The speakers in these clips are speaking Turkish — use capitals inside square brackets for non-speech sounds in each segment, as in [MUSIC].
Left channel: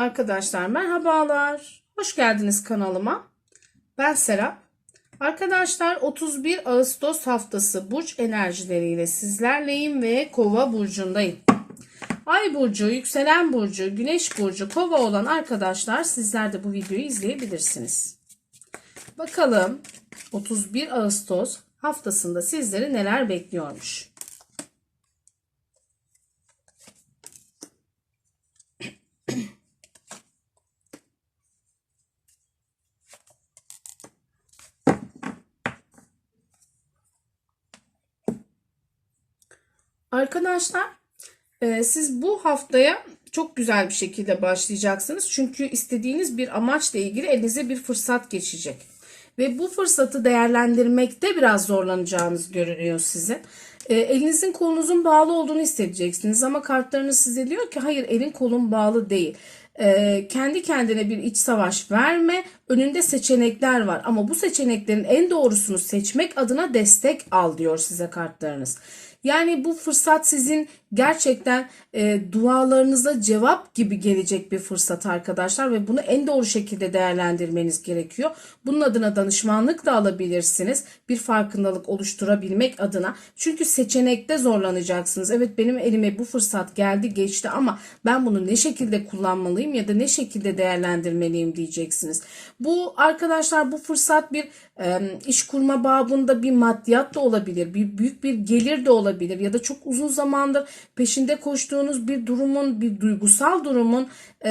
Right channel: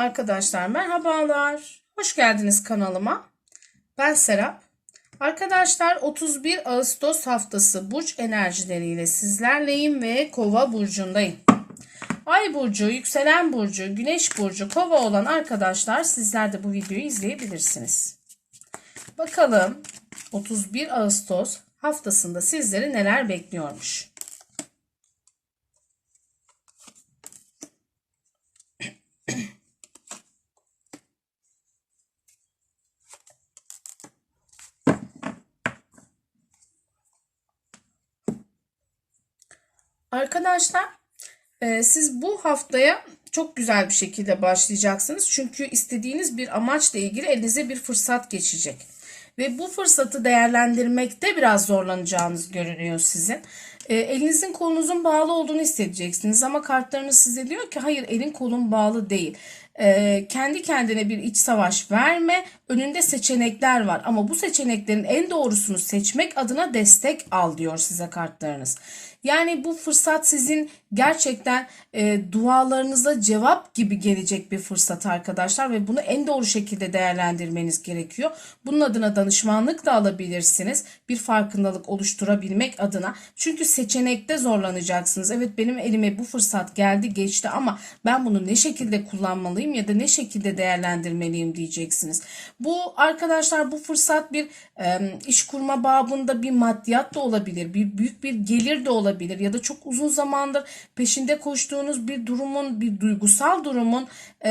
Arkadaşlar merhabalar. Hoş geldiniz kanalıma. Ben Serap. Arkadaşlar 31 Ağustos haftası burç enerjileriyle sizlerleyim ve Kova burcundayım. Ay burcu, yükselen burcu, güneş burcu, kova olan arkadaşlar sizler de bu videoyu izleyebilirsiniz. Bakalım 31 Ağustos haftasında sizleri neler bekliyormuş. Arkadaşlar e, siz bu haftaya çok güzel bir şekilde başlayacaksınız. Çünkü istediğiniz bir amaçla ilgili elinize bir fırsat geçecek. Ve bu fırsatı değerlendirmekte biraz zorlanacağınız görünüyor sizin. E, elinizin kolunuzun bağlı olduğunu hissedeceksiniz ama kartlarınız size diyor ki hayır elin kolun bağlı değil. E, kendi kendine bir iç savaş verme. Önünde seçenekler var ama bu seçeneklerin en doğrusunu seçmek adına destek al diyor size kartlarınız. Yani bu fırsat sizin gerçekten e, dualarınıza cevap gibi gelecek bir fırsat arkadaşlar ve bunu en doğru şekilde değerlendirmeniz gerekiyor. Bunun adına danışmanlık da alabilirsiniz. Bir farkındalık oluşturabilmek adına. Çünkü seçenekte zorlanacaksınız. Evet benim elime bu fırsat geldi geçti ama ben bunu ne şekilde kullanmalıyım ya da ne şekilde değerlendirmeliyim diyeceksiniz. Bu arkadaşlar bu fırsat bir e, iş kurma babında bir maddiyat da olabilir. Bir büyük bir gelir de olabilir ya da çok uzun zamandır peşinde koştuğunuz bir durumun bir duygusal durumun e,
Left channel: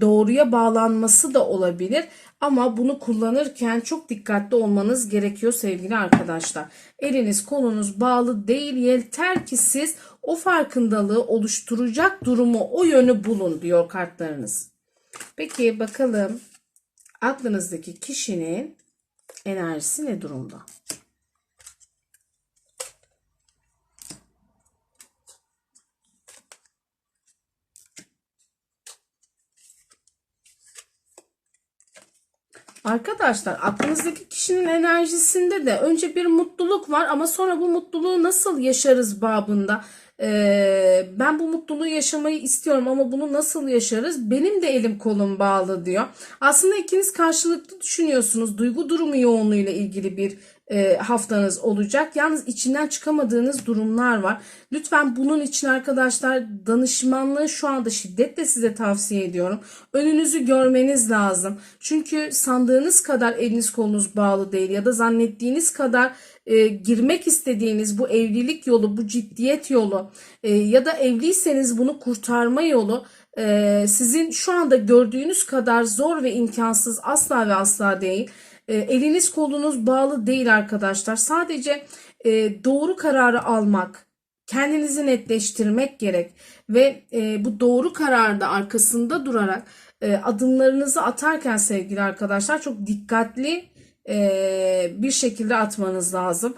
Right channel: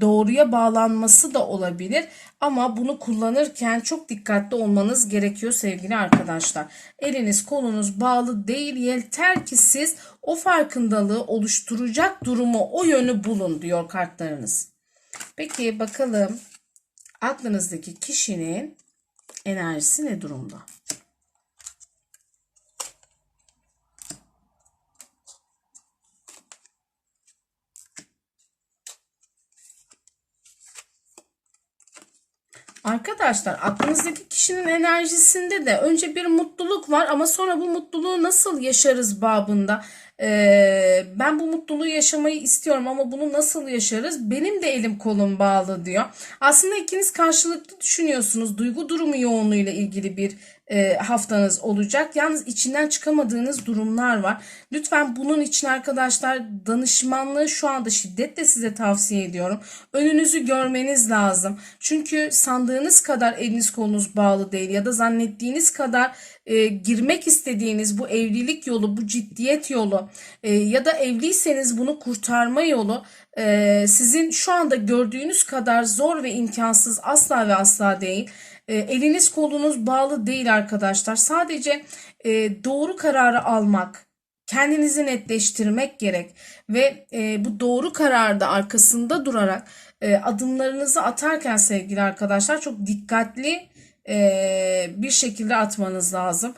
doğruya bağlanması da olabilir. Ama bunu kullanırken çok dikkatli olmanız gerekiyor sevgili arkadaşlar. Eliniz kolunuz bağlı değil yeter ki siz o farkındalığı oluşturacak durumu o yönü bulun diyor kartlarınız. Peki bakalım aklınızdaki kişinin enerjisi ne durumda? Arkadaşlar aklınızdaki kişinin enerjisinde de önce bir mutluluk var ama sonra bu mutluluğu nasıl yaşarız babında ben bu mutluluğu yaşamayı istiyorum ama bunu nasıl yaşarız benim de elim kolum bağlı diyor. Aslında ikiniz karşılıklı düşünüyorsunuz duygu durumu yoğunluğuyla ilgili bir e, haftanız olacak. Yalnız içinden çıkamadığınız durumlar var. Lütfen bunun için arkadaşlar danışmanlığı şu anda şiddetle size tavsiye ediyorum. Önünüzü görmeniz lazım. Çünkü sandığınız kadar eliniz kolunuz bağlı değil ya da zannettiğiniz kadar e, girmek istediğiniz bu evlilik yolu, bu ciddiyet yolu e, ya da evliyseniz bunu kurtarma yolu e, sizin şu anda gördüğünüz kadar zor ve imkansız asla ve asla değil. E, eliniz kolunuz bağlı değil arkadaşlar. Sadece e, doğru kararı almak, kendinizi netleştirmek gerek ve e, bu doğru kararda arkasında durarak e, adımlarınızı atarken sevgili arkadaşlar çok dikkatli bir şekilde atmanız lazım.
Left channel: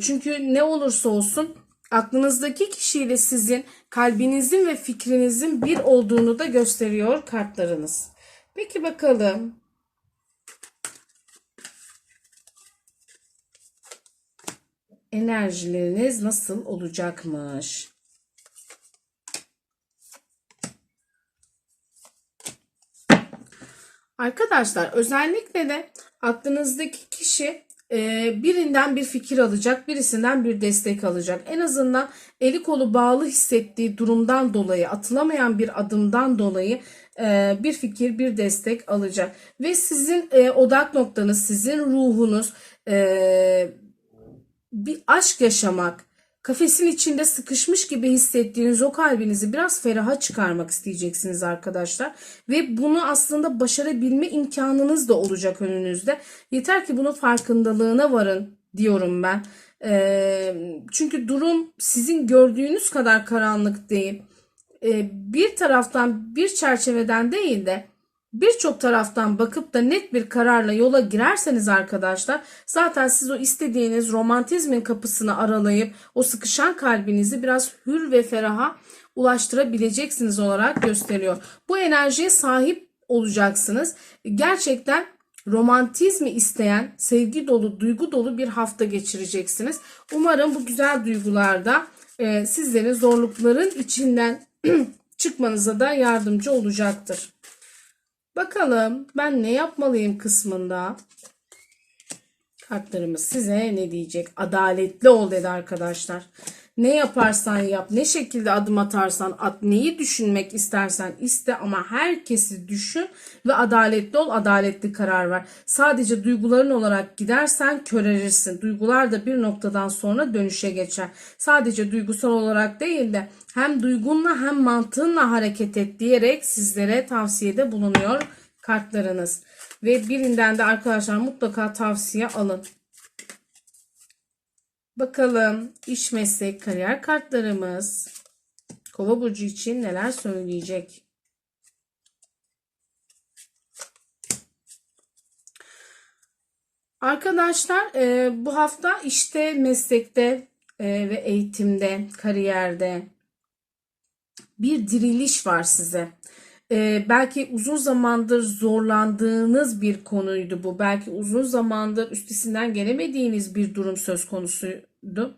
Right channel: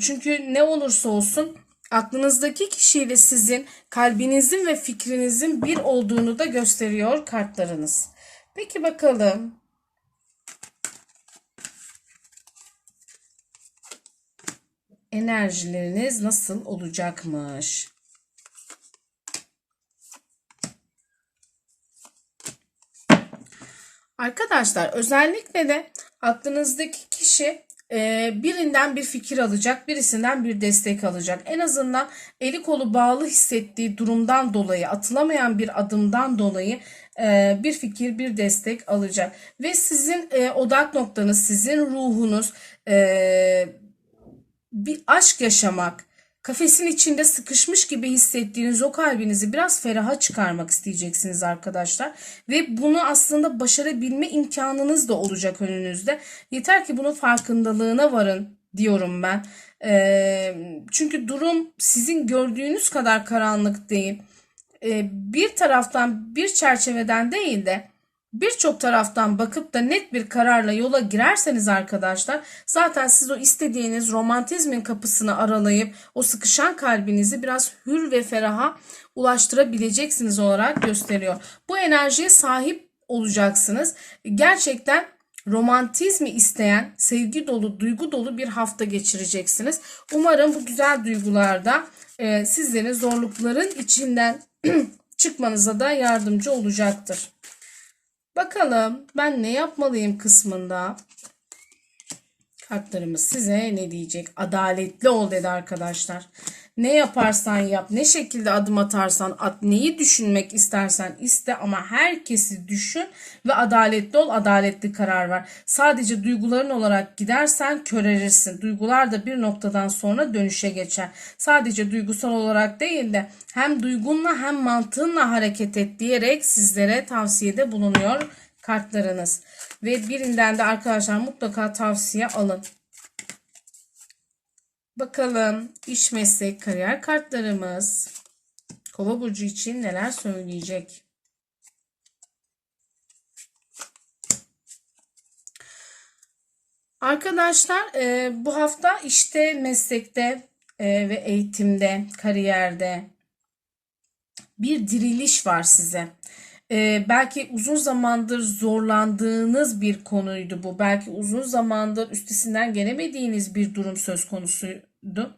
Çünkü ne olursa olsun aklınızdaki kişiyle sizin kalbinizin ve fikrinizin bir olduğunu da gösteriyor kartlarınız. Peki bakalım enerjileriniz nasıl olacakmış? Arkadaşlar özellikle de aklınızdaki kişi e, birinden bir fikir alacak, birisinden bir destek alacak. En azından eli kolu bağlı hissettiği durumdan dolayı, atılamayan bir adımdan dolayı e, bir fikir, bir destek alacak. Ve sizin e, odak noktanız, sizin ruhunuz bir aşk yaşamak, kafesin içinde sıkışmış gibi hissettiğiniz o kalbinizi biraz feraha çıkarmak isteyeceksiniz arkadaşlar. Ve bunu aslında başarabilme imkanınız da olacak önünüzde. Yeter ki bunun farkındalığına varın diyorum ben. E, çünkü durum sizin gördüğünüz kadar karanlık değil. E, bir taraftan bir çerçeveden değil de birçok taraftan bakıp da net bir kararla yola girerseniz arkadaşlar zaten siz o istediğiniz romantizmin kapısını aralayıp o sıkışan kalbinizi biraz hür ve feraha ulaştırabileceksiniz olarak gösteriyor. Bu enerjiye sahip olacaksınız. Gerçekten romantizmi isteyen, sevgi dolu, duygu dolu bir hafta geçireceksiniz. Umarım bu güzel duygularda e, sizlerin zorlukların içinden [CLEARS THROAT] çıkmanıza da yardımcı olacaktır. Bakalım ben ne yapmalıyım kısmında. Kartlarımız size ne diyecek? Adaletli ol dedi arkadaşlar. Ne yaparsan yap, ne şekilde adım atarsan at, neyi düşünmek istersen iste ama herkesi düşün ve adaletli ol, adaletli karar ver. Sadece duyguların olarak gidersen körerirsin. Duygular da bir noktadan sonra dönüşe geçer. Sadece duygusal olarak değil de hem duygunla hem mantığınla hareket et diyerek sizlere tavsiyede bulunuyor kartlarınız. Ve birinden de arkadaşlar mutlaka tavsiye alın. Bakalım iş meslek kariyer kartlarımız Kova burcu için neler söyleyecek? Arkadaşlar e, bu hafta işte meslekte e, ve eğitimde, kariyerde bir diriliş var size. Ee, belki uzun zamandır zorlandığınız bir konuydu bu. Belki uzun zamandır üstesinden gelemediğiniz bir durum söz konusuydu.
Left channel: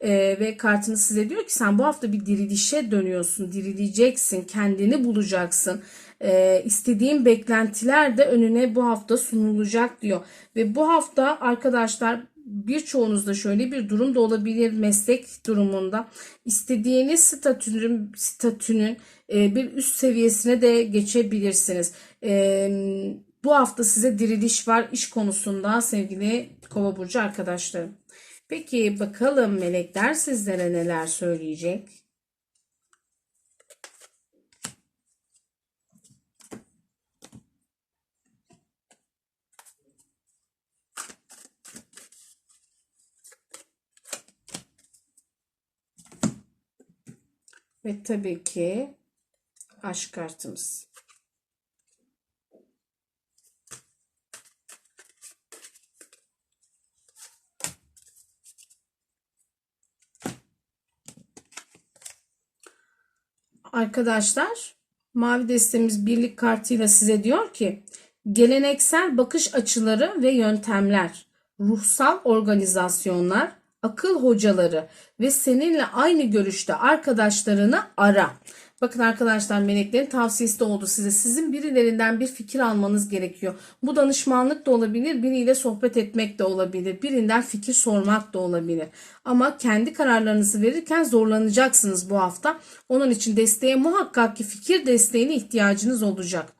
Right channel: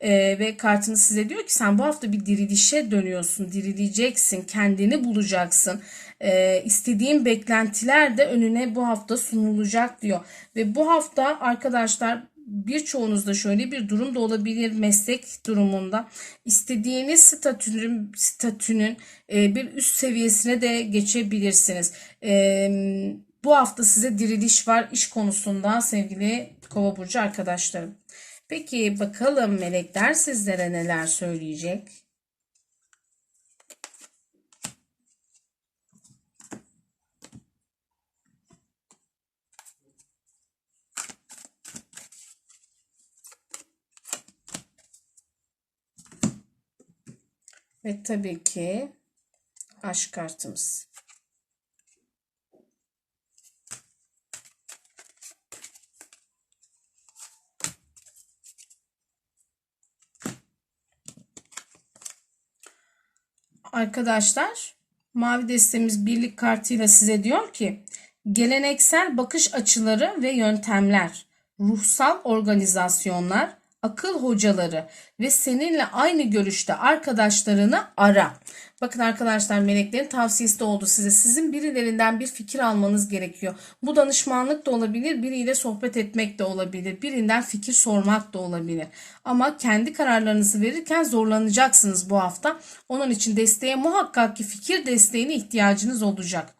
Ee, ve kartınız size diyor ki sen bu hafta bir dirilişe dönüyorsun, dirileceksin, kendini bulacaksın. Ee, istediğin beklentiler de önüne bu hafta sunulacak diyor. Ve bu hafta arkadaşlar birçoğunuzda şöyle bir durum da olabilir meslek durumunda istediğiniz statünün statünün e, bir üst seviyesine de geçebilirsiniz. E, bu hafta size diriliş var iş konusunda sevgili Kova burcu arkadaşlarım. Peki bakalım melekler sizlere neler söyleyecek? Ve tabii ki aşk kartımız. Arkadaşlar mavi destemiz birlik kartıyla size diyor ki geleneksel bakış açıları ve yöntemler, ruhsal organizasyonlar, akıl hocaları ve seninle aynı görüşte arkadaşlarını ara. Bakın arkadaşlar meleklerin tavsiyesi de oldu size. Sizin birilerinden bir fikir almanız gerekiyor. Bu danışmanlık da olabilir, biriyle sohbet etmek de olabilir, birinden fikir sormak da olabilir. Ama kendi kararlarınızı verirken zorlanacaksınız bu hafta. Onun için desteğe muhakkak ki fikir desteğine ihtiyacınız olacak.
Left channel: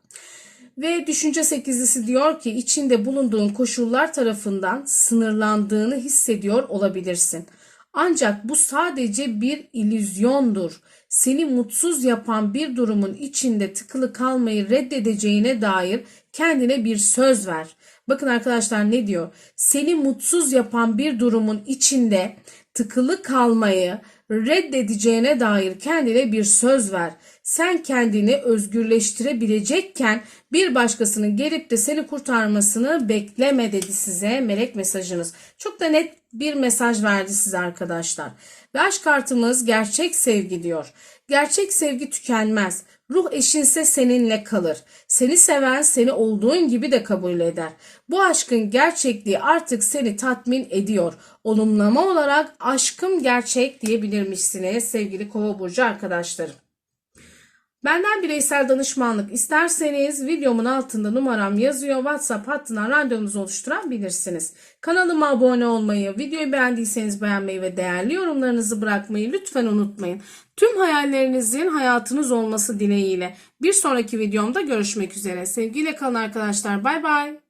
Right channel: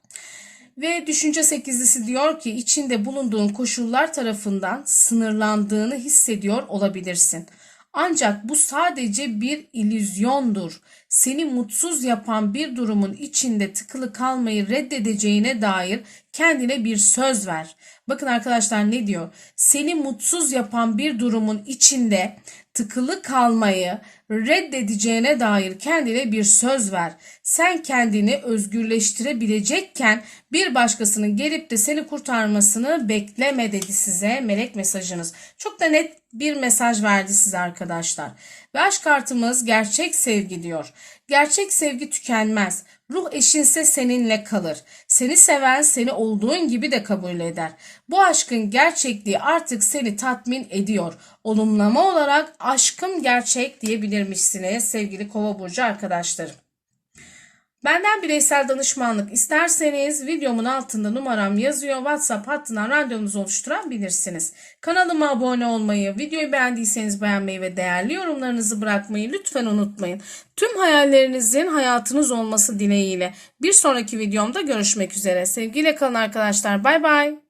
Ve düşünce sekizlisi diyor ki içinde bulunduğun koşullar tarafından sınırlandığını hissediyor olabilirsin. Ancak bu sadece bir illüzyondur. Seni mutsuz yapan bir durumun içinde tıkılı kalmayı reddedeceğine dair kendine bir söz ver. Bakın arkadaşlar ne diyor? Seni mutsuz yapan bir durumun içinde tıkılı kalmayı reddedeceğine dair kendine bir söz ver. Sen kendini özgürleştirebilecekken bir başkasının gelip de seni kurtarmasını bekleme dedi size melek mesajınız. Çok da net bir mesaj verdi size arkadaşlar. Ve aşk kartımız gerçek sevgi diyor. Gerçek sevgi tükenmez. Ruh eşinse seninle kalır. Seni seven seni olduğun gibi de kabul eder. Bu aşkın gerçekliği artık seni tatmin ediyor. Olumlama olarak aşkım gerçek diyebilirmişsiniz sevgili kova burcu arkadaşlarım. Benden bireysel danışmanlık isterseniz videomun altında numaram yazıyor. WhatsApp hattından randevunuzu oluşturabilirsiniz. Kanalıma abone olmayı, videoyu beğendiyseniz beğenmeyi ve değerli yorumlarınızı bırakmayı lütfen unutmayın. Tüm hayallerinizin hayatınız olması dileğiyle bir sonraki videomda görüşmek üzere. Sevgiyle kalın arkadaşlar. Bay bay.